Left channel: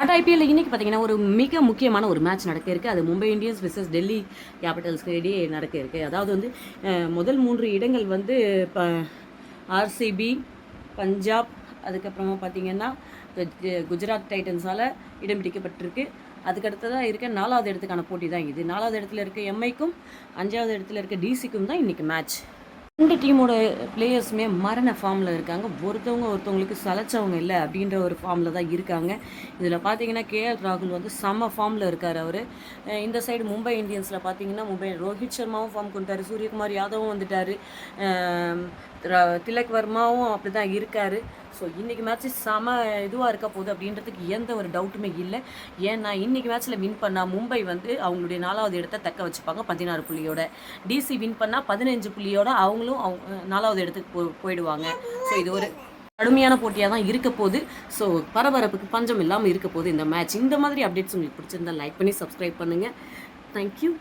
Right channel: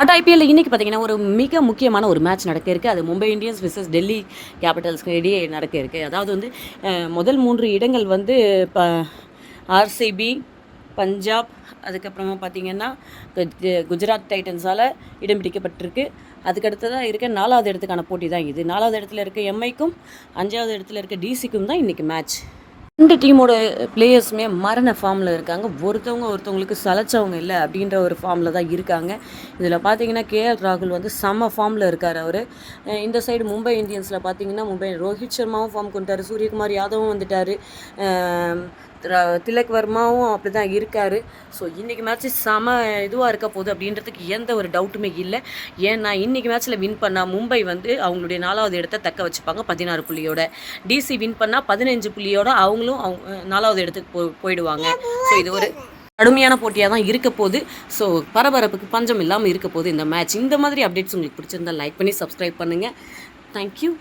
But ஐபிஎல்ல இன்றைக்கி பார்த்தீங்கன்னா ஒரு மிக முக்கியமான ஒரு மேட்ச் நடக்க இருக்குது. அது மும்பை இந்தியன்ஸ் விசஸ் டெல்லி கேபிட்டல்ஸ்க்கு இடையே நடக்க இருக்குது. அதாவது வந்து முதல் 3 இடங்கள் வந்து ஆர்சிபி, பஞ்சாப், அதுக்கப்புறமா பார்த்தீங்கன்னா குஜராத் டைட்டன்ஸால் இடம் பிடிக்கப்பட்டிருக்கு. அதுக்கடுத்ததாக இருக்க 4வது இடத்துக்கான போட்டி தான் இது. 4வது இடத்துல இருக்க எம்ஐக்கும் 5வது இடத்துல இருக்க டிசிக்கும் தான் இன்றைக்கி மேட்ச். 2 டீமோட பிளேயர்ஸுமே மரண ஃபார்மில் இருக்காங்க. ஒருத்தவங்களுக்கு சலைச்சவங்க இல்லை அப்படின்ற ஒரு ஃபார்மில் தான் இருக்காங்க. இதில் பார்த்தீங்கன்னா கேஎல் ராகுல் வந்து செம்ம ஃபார்மில் இருக்கார். அவர் இந்த சைடு மும்பை இந்தியன்ஸில் பார்த்தீங்கன்னா ரோஹித் சர்மாவும் ஃபார்ம் கொண்டுட்டார், சூரியகுமார் யாதவும் வந்துட்டார், திலக் வர்மாவும் அப்படி தான் இருக்கார். ஸோ இன்றைக்கி மேட்ச்சு செம இதுவாக இருக்க போகுது அப்படின்றதுக்கு எந்த ஒரு டவுட்டுமே இல்லை. ஏன்னா இன்றைக்கி மேட்ச்சில் வின் பண்ணால் மும்பை வந்து அவங்களுடைய 4வது இடத்தை தக்க வச்சுப்பாங்க 16 புள்ளியோட. டிசி வின் பண்ணால் 15 புள்ளியோட அவங்களும் 4வது இடத்துக்கு போயிடுவாங்க. ஸோ இது ஒரு கடுமையான போட்டியாக தான் இருக்க போகுது. ஸோ பரபரப்புக்கு பஞ்சம் இல்லாமல் இருக்க போகுது இந்த மேட்ச். இந்த மாதிரி அப்டேட்ஸ் உங்களுக்கு பிடிச்சிருந்தால் லைக் பண்ணி சப்ஸ்கிரைப் பண்ணுங்கள். தேங்க்யூ.